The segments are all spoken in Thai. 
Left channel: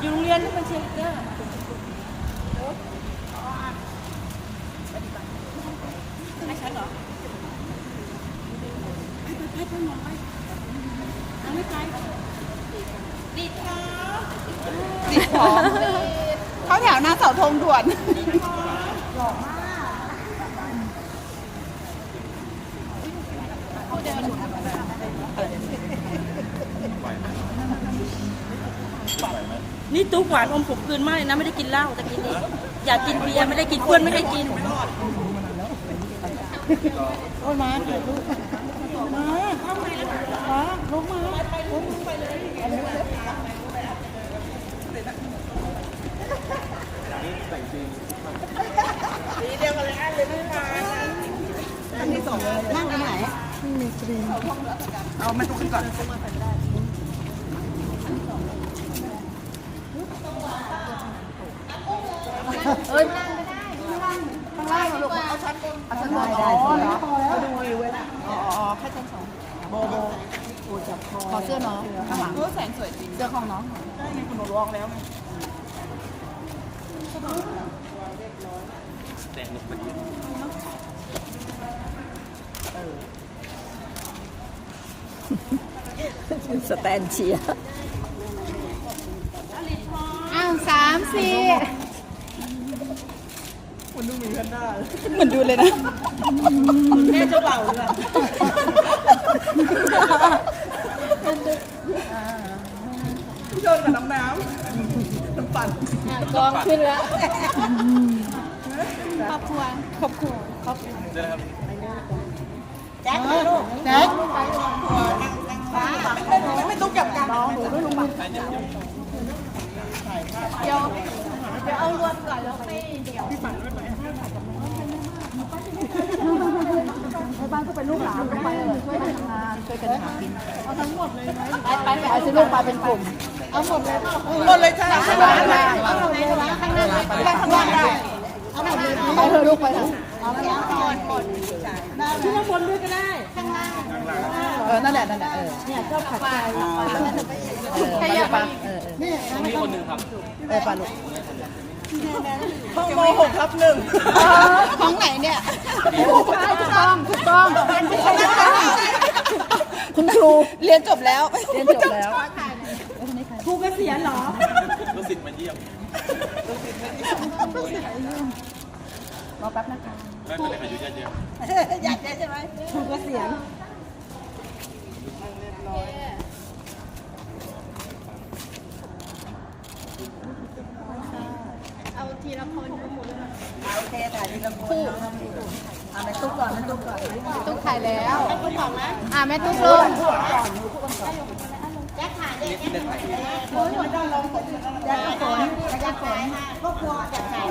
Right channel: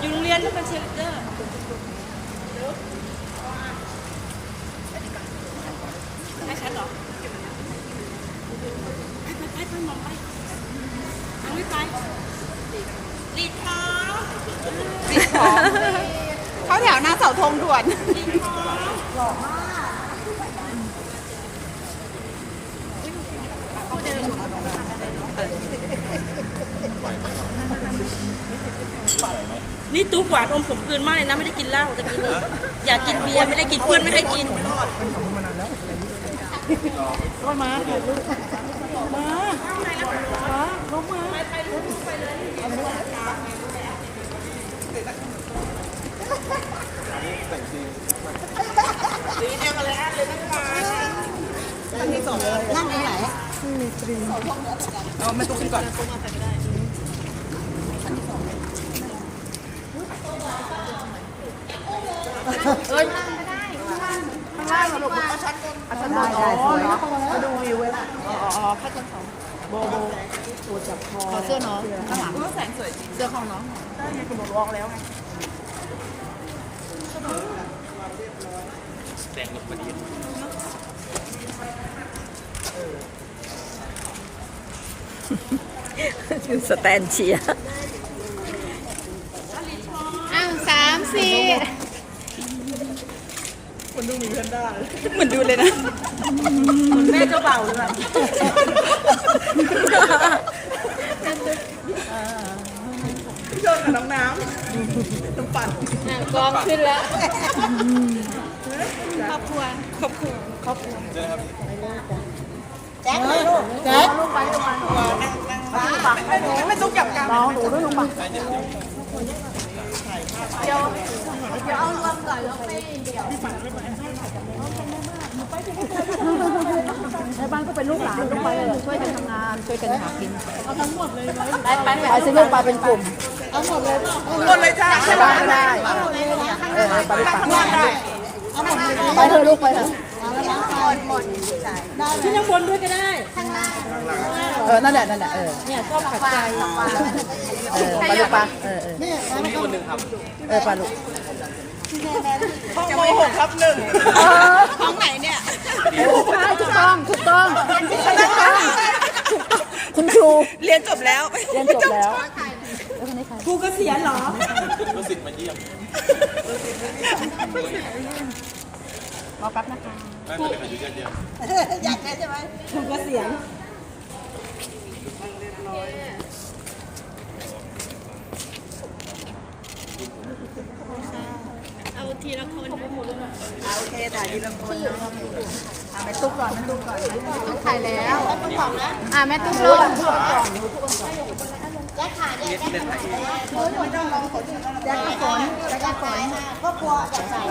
อยู่โรงเรียนนี่เป็นเชียร์ลีดเดอร์ไม่ชัดเหรอให้ไปให้ไปมองไปยังไม่ไปลีดเท้าเข้าแถวหน้าเสาธงด่วน นี่ตุ๊กหวานอมผมกลืนไม่นะไม่ได้กินเหล้าจะกินเลยอยากกินเบียร์ไม่ได้กินเพื่อนไม่ได้กินก็มาถ่ายรูปมามาลงมาตั้งที่สองเลยนั่งตรงไหนมีตรีเอาไมาตุ๊กขึ้นก่อน ช้อนบนได้สวยดูวิวไว้ละโบโบปูจับคอเสื้อน้องข้างหลังแสงสวยจริงเสื้อของน้องใช่ไงคุณบอกวองแล้วไงสแตนเชียร์ อ้าวสามสี่ เหมือนดูเลยนะแม่เจ้าเบ่าวเลยพี่โดนกับน้องน้ำน้ำปั่นกองขึ้นแล้วแจ็คเลยลูกแจ็คป้าไม่ต้องกลับกันมองดูไม่รู้มันในบ้านก็เป็นลูกหลานไปช่วยกันทำงานช่วยกันหากินเอาทั้งหมดเลยไปไปไปเอาซื้อลูกปลาเป็นกลุ่มเอาหมดเลยหมดเลยจ้าใช่ไหมไปเถอะลูกไปเถอะ ที่ข้างบนด้วยก็ได้เออนั่นแหละนั่นแหละเออเนี่ยชอบขับใจเออปลาลูกปลาเออเออนี่มีคนหนึ่งครับเออปลาลูกยังไม่หกครับหนึ่งของไหนเนี่ยถูกต้องถูกต้องคุณครูเรียนจบแล้วเรียนจบแล้วครูเกษียณเหรอรอแป๊บนะคะ ไม่เป็นไรค่ะอยู่เยอะอยากได้ใช่ไหมครูเกษียณเอาทีละคนโอเคถ่ายทีละคนเอาไปตุ๊กก่อนไม่ตุ๊กก่อนต้องถ่ายแล้วไม่ต้องบอกนะอ่าแม่ตุ๊กตุ๊ก แจ็คถ่ายแจ็คแจ็คถ่ายไม่ต้องลองแจ็คฝนแจ็คฝนก็กลัวแจ็คถ่าย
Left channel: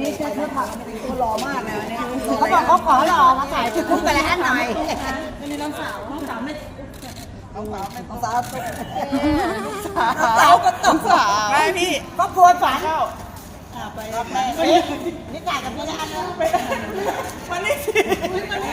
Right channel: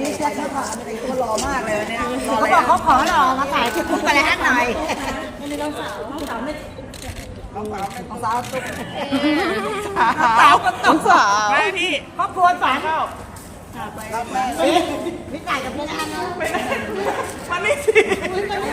นี่แจ็คเขาถ่ายตัวหล่อมากเลยเนี่ยเขาบอกเขาขอหล่อมาถ่ายที่คุกไปแล้วหน่อยน้องสาวสาวไม่น้องสาวน้องสาวสาวก็ตกสาวแม่พี่ก็กลัวฝันเขารับแม่วิจัยกับเพื่อนอันนู้นมันนี่สิมันนี่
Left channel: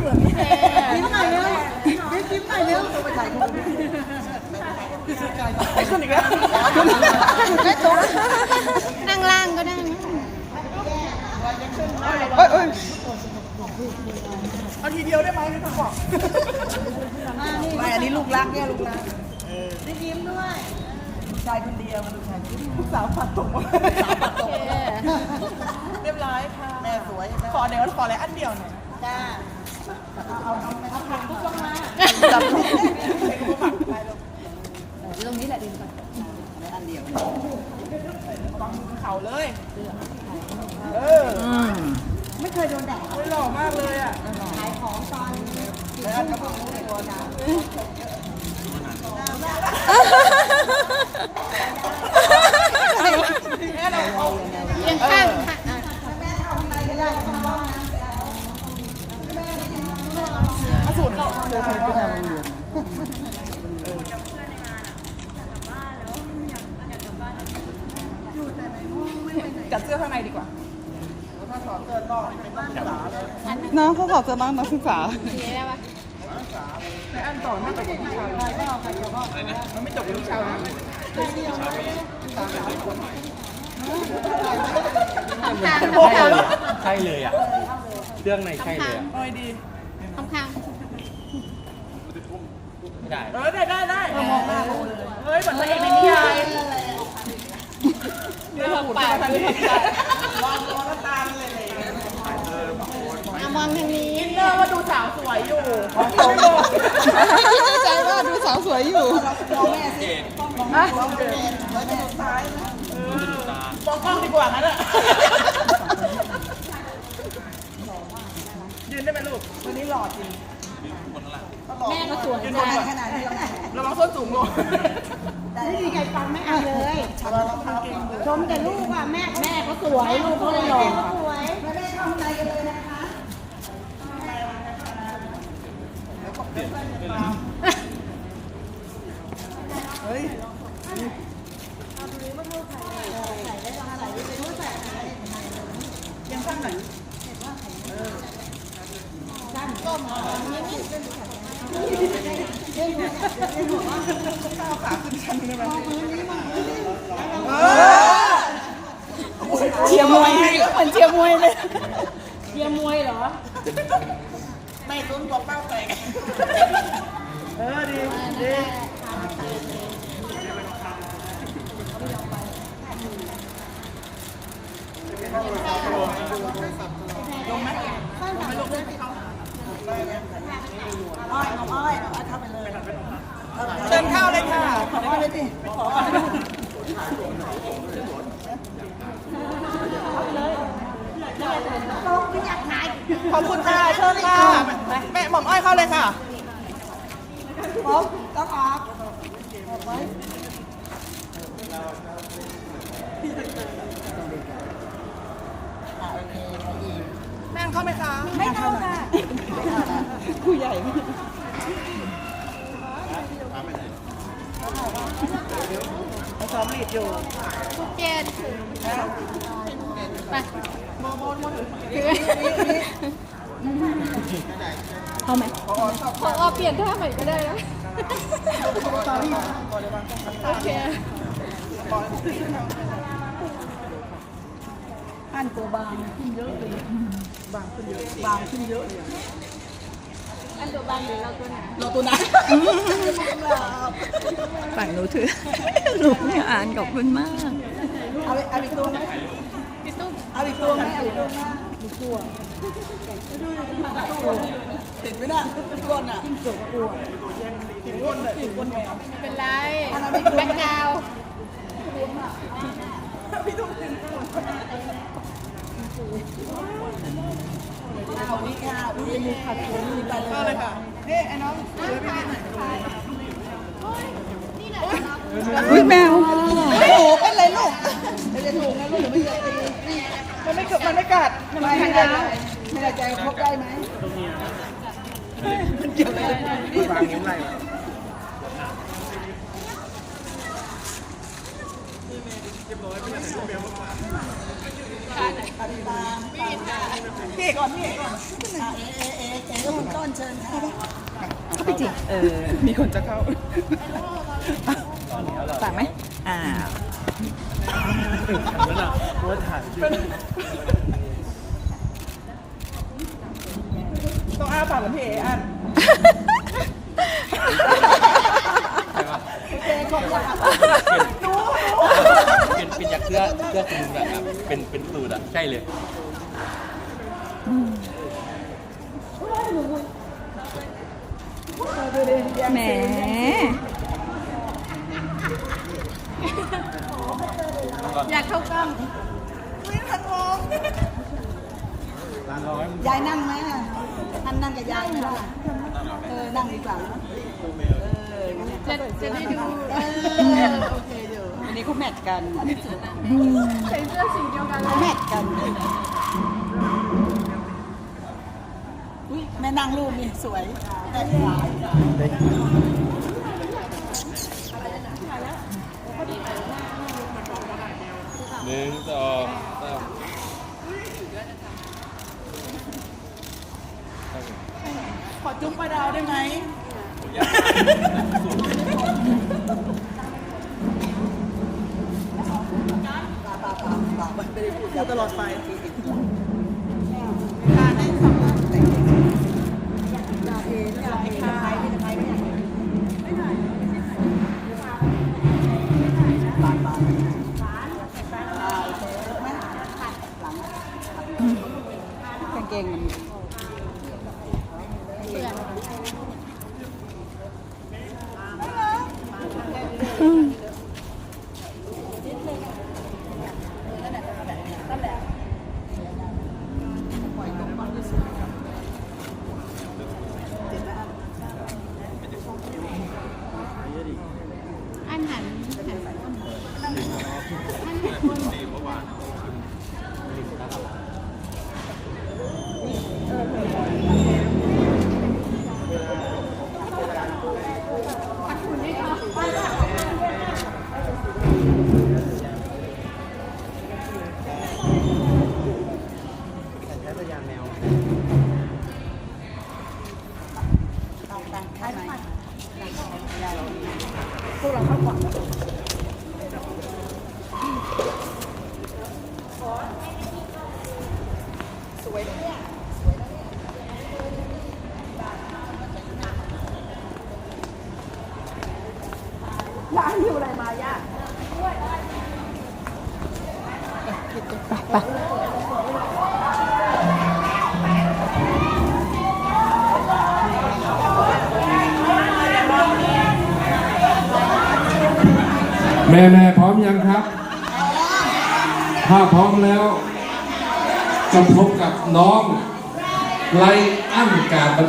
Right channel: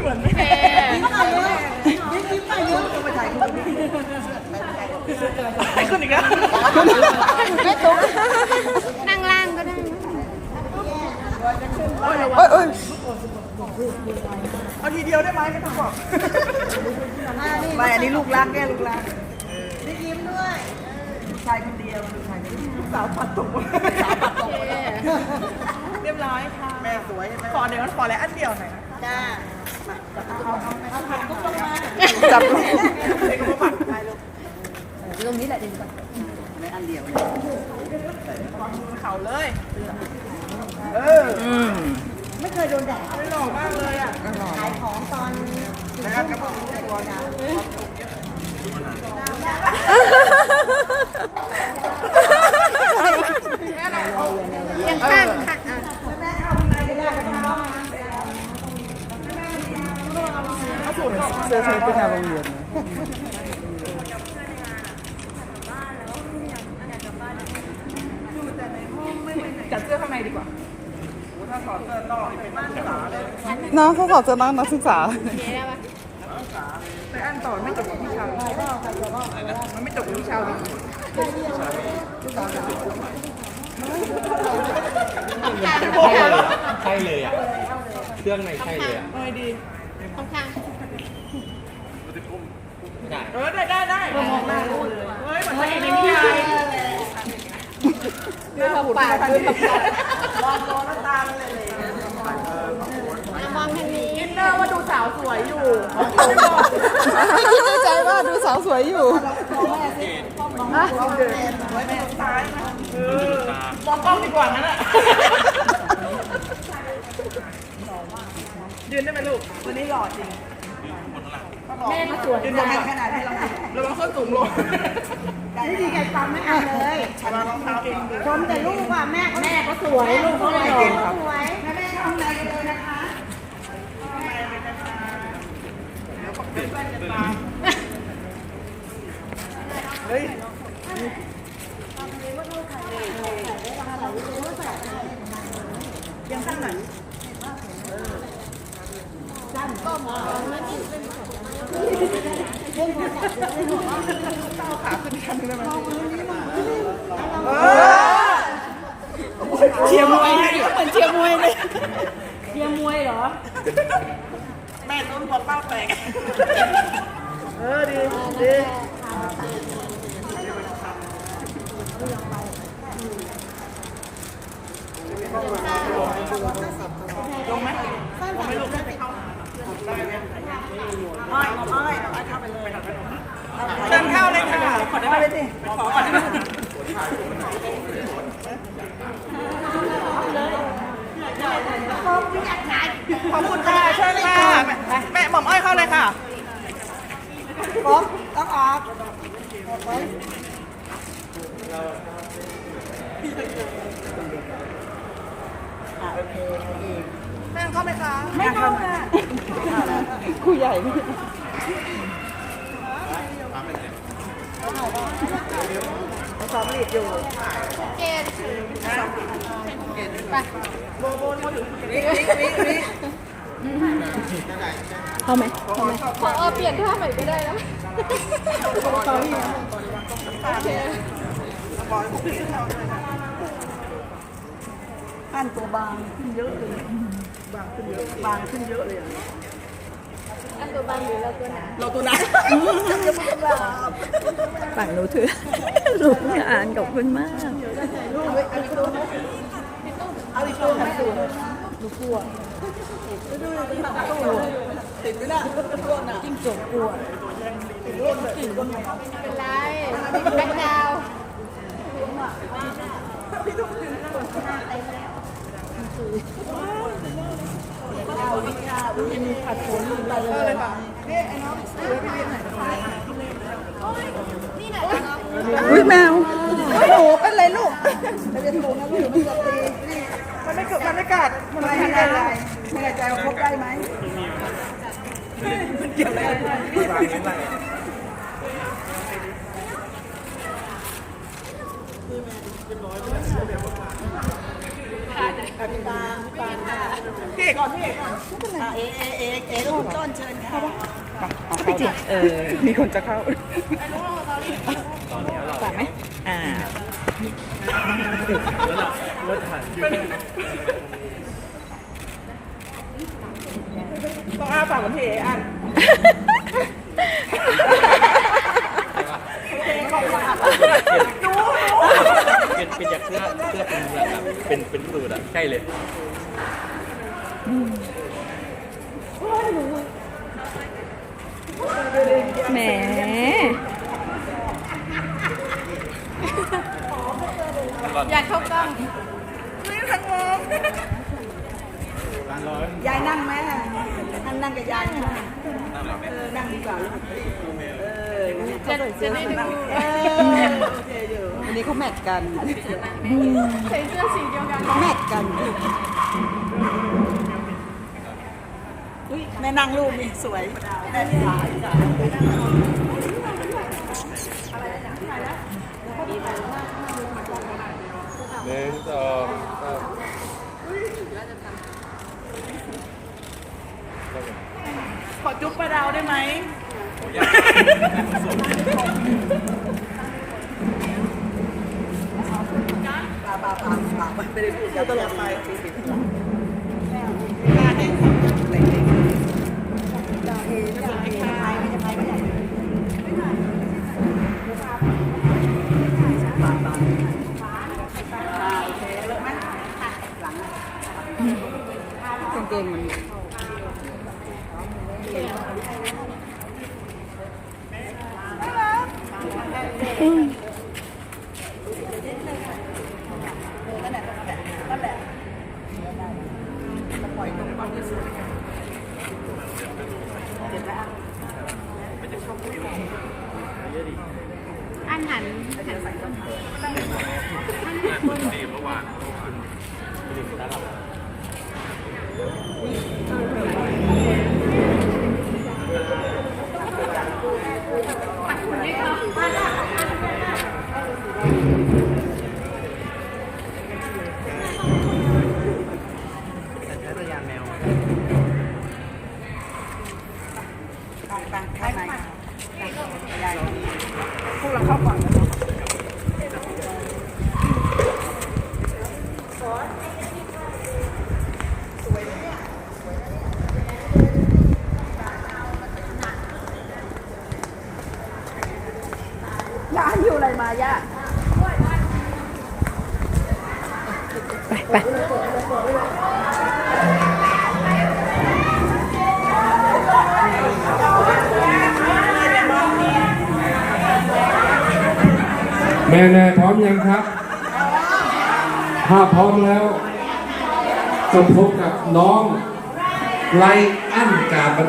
ยิ้มหน่อยเร็วยิ้มหน่อยเร็วไปถ่ายคนอื่นไปคนอีกแล้วแม่ตัวนั่งล่างก็ได้เอ้ยเอ้ยเอาทีเดียวได้ไหมไม่ต้องบอกไปอันนี้ลูกรักแน่ลูกรักได้ยิ้มด้วยชายคนเดียวชายคนสาวปัดตกสาวปัดตุกเรียบร้อยค่ะ แม่สวยใช่อหดี๋ยก็ขออะไรอันเดียวหน่อย จ้าจับเซ็นก็มาปัดไปลูกเรื่องนี้แหละดีกว่าอันเดียวระวังมือเข่าเลย เอออืมไม่เคยโดนแดดไม่หล่อมากเลยอะขายของตอนนะครับก็เพิ่งรู้ตัวนะดูมันหนายังข้างค่ะ เสื้อใช้เป็นอะไรเรียนจัดเสื้อข้างในดีกว่าถ้าถอดเสื้อนอกเป็นนักศึกษาเลยน้องเขาขอเจอน้องนักศึกษาไปอ่านต่อไม่จบวิชาอะไรนะมันไม่จบวิชาเลยชาวีใส่เสื้อมาทำไมข้างใช่เลยอะใช่เลยอะเครื่องในใช่เลยอะไม่ดีข้างข้าง มันจะก้มไม่ได้ เออได้ได้ได้เฮ้ยหมือนไม่ได้ใหญ่เรื่องหุ่นปากเรื่องปากลองลองน้ำตาลเลยเอามองทางนี้อินเนอร์ว่าดูสาวสวยอยู่ของโตใจว่าดูสาวสวยอยู่เกตอะเดินไว้ไปตรงซ้ายนะโดนดุตามองกล้องดีกว่ามั้ยน่ะยืนได้ไหมลูกวันนี้หล่อจริง ยืนข้างบนข้างล่างแม่มาสวยยืนบนขนาดที่เราระวังส้นสูงลงไม่ดีไงความไม่อ่านเลยชมแต่ลูกว่าแม่แม่เขาสวยลูกเขาหล่อสวยเปลี่ยนเปลี่ยนเฮ้ยยังข้างไหนขาขึ้นชั้นได้ไหม เชียร์มวยเหมือนเชียร์มวยเลย แม่ต้นกลัวเป้าแตกเออดีดี เชิญเข้าเลยค่ะขอขอได้ไหมดิขอขอได้ไหมขอบคุณค่ะเชิญค่ะแม่หม่อมอ้อยเข้าเลยค่ะพร้อมต้องออก นั่งเข้าไหมคะ ไม่เข้าค่ะคู่ใหญ่ซ้อมลีดอยู่เกณฑ์ไปนี่นี่นี่เอาไหมขอเอาเปลี่ยนท่าใหม่ก็ได้นะโอเค อันตัวบางขึ้นเยอะเลยบางขึ้นเยอะบางขึ้นเยอะเลยอะอันตัวบางหรือเราตัวหนาเราตัวนั้นฝั่งหนูถือหนูอ่านขอบคุณมาก เอาเอาอีกตัวเอาอีกตัวไหมดูกลัวติดไหมน่ะก้นอะจิ้มจกกลัวติดก้นแบบติดก้นแมวเป็นไรแบ็คดาวน์ เลยค่ะนี่ไอ้น้องช่วยพี่เล่นหน่อย อุ้ยแมว โอ้โหเป็นไรลูกไม่ได้ถูกนะหรือไม่เกิดตีมันไม่เกิดมันไม่กัดมันไม่ได้ใจไม่ได้ใจว่าพบได้ไหม มันเกี่ยวอะไรกันวางยังไงพี่ก่อนพี่ก่อนเอเอเอเอต้นต้นเชิญค่ะเข้าไปจิเออ มีคนจะเข้าฝากไหมอ่า ต้องอ้าปากเหมือนพี่เออะเป็นเป็นจากเสื้อเสื้อเป็นแบบแบบเป็นเป็นสูตรอะใช่เลยแหมอยากเข้ากล้องนี่ทั้งวงยายนั่งไหม อันนั่งกับยายนี่แหละเออ นั่งดีกว่าเออจะจะได้ดูเออโอเคอยู่วันนี้เขาแมทกันใส่เสื้อสีเดียวกันแมทกันอุ้ยแม่นั่งรูปนี่สวยแต่สายหนึ่งสองสาม ขอจุ๊บปลาดาวได้ไหม โอ้ยากมากสุด ปลาปลาปลาปลา ไม่ได้พูดตลอดไปสี่สิบหลังกางเกงมันปล่อยตรงก้อนที่สวยเจ็บไหมอะ อันหั นดีเมื่อวานเมื่อวานต่างต่างแค่ไหนพวกเราเข้าก่อนนะย่าอยู่อะไรมาย่า ไปแม่แม่พร้อมยังครับ ถ้าพร้อมแล้วจะพบกับน้องไลอันการประดิษฐ์